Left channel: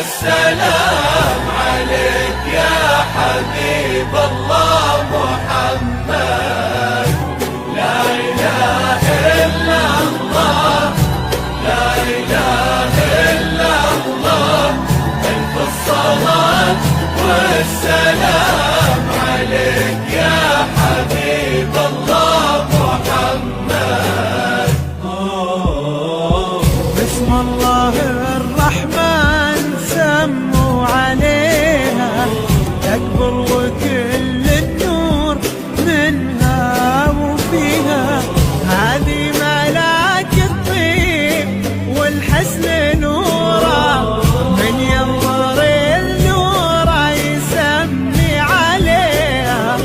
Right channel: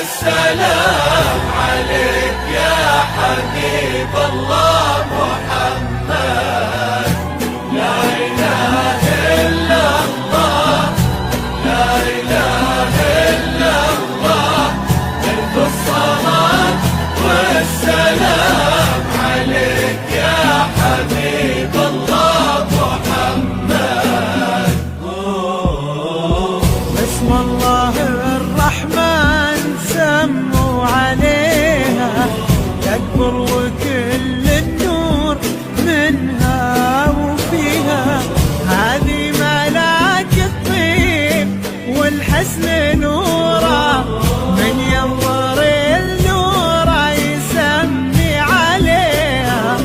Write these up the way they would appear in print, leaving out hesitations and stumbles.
والسلام عليك يا حبيب الله محمد. لا إله إلا الله، لا إله إلا الله، ألف الصلاة والسلام عليك يا حبيب الله محمد. بسم الله الرحمن سموا عليها تكبر وكل النور منها وفيها، هذه ملاك الطيب والحسن نورا، من ينظر النورا يسمي عليها،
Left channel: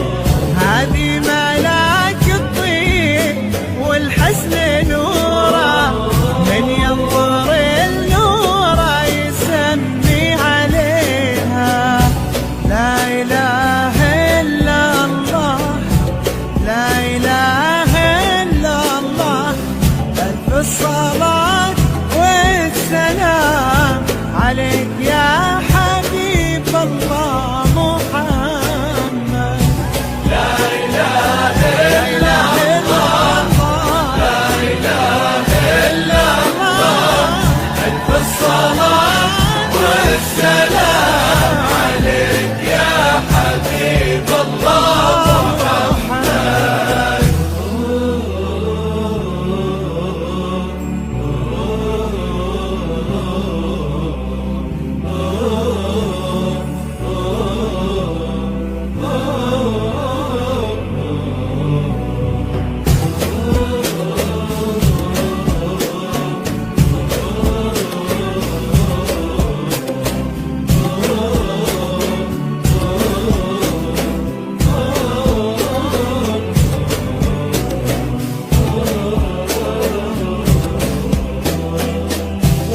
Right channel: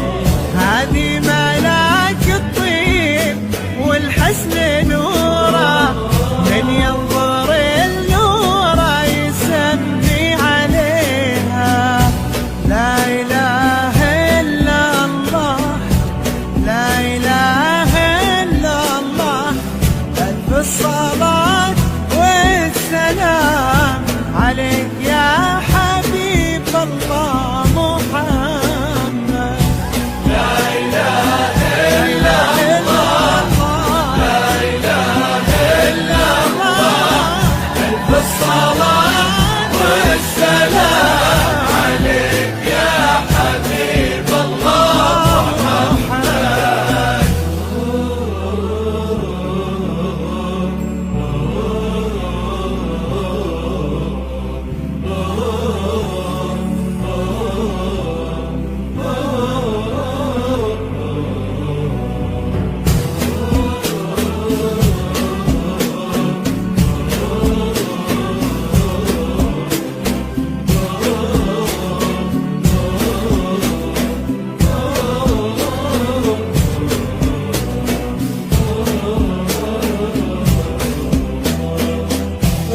هذه ملاك الطيب والحسن نورا، من ينظر النورا يسمي عليها. لا إله إلا الله، لا إله إلا الله، ألف الصلاة والسلام عليك يا حبيب الله محمد. لا إله إلا الله، لا إله إلا الله، ألف الصلاة والسلام عليك يا حبيب الله محمد.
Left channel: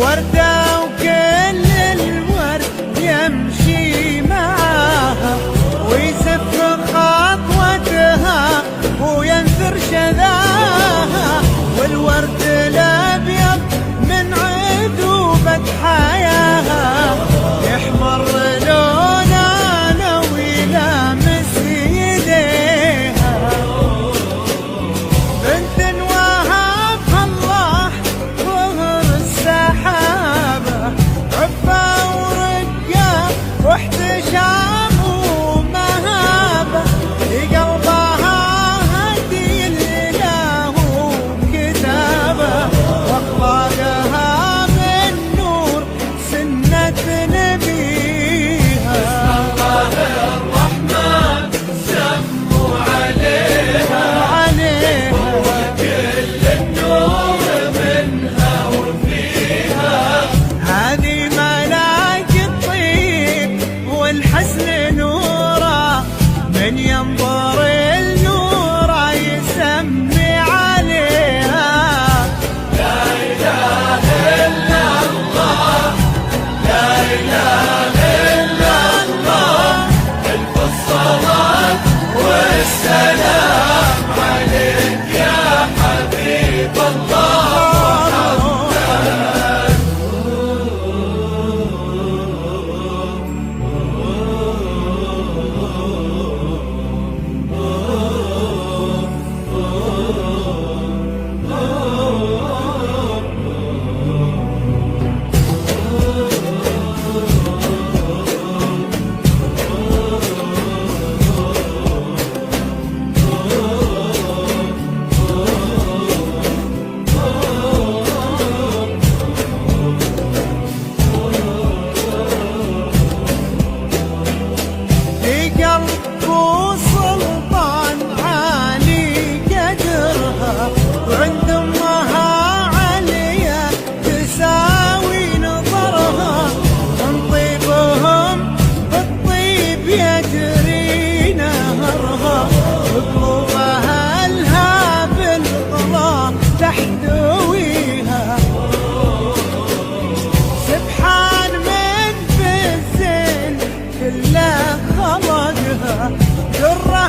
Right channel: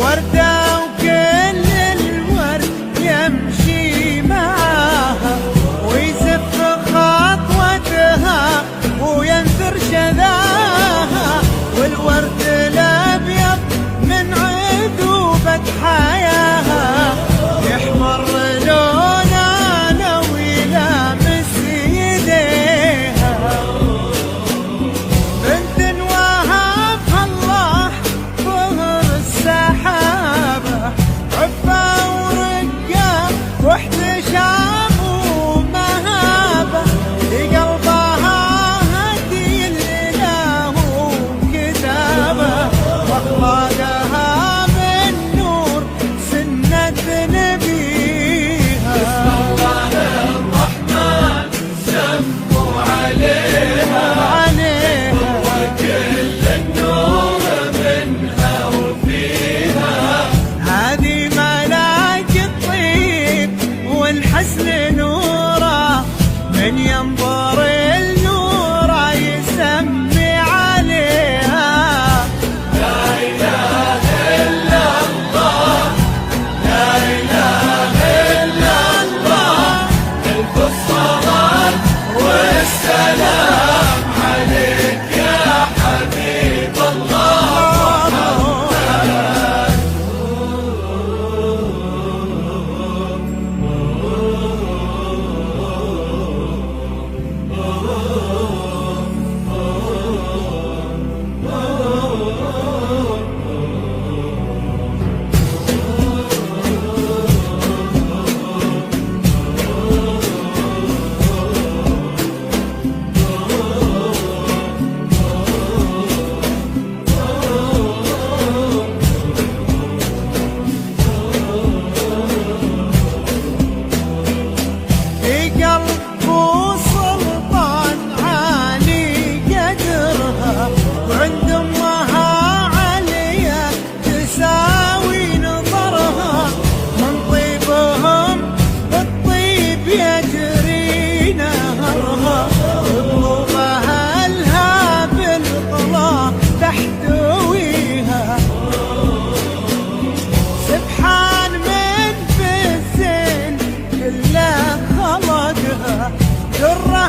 وردة وكل الورد يمشي معاها، ويزف خطوتها وينثر شذاها، والورد الأبيض من عذوبة حياها يحمر لونه لو يلامس يديها، بنت وهبها الله ظهر السحابة، عفة ورقة واحتشام ومهابة، لقلبها هدي الإله وكتابة، واخلاقها من نور سنة نبيها. الله الرحمن سموا عليها كل النور منها وفيها، هذه ملاك الطيب والحسن نورا، من ينظر النورا يسمي عليها. لا إله إلا الله، لا إله إلا الله، ألف الصلاة والسلام عليك يا حبيب الله محمد. قلب وسلطان عالي قدرها، وعند امها عليا تساوي نظرها، من طيبهم بالطيب يجري نهرها، وقلوبها لها بالغلا تحتويها، سبحان من في الزين كله خلقها، درة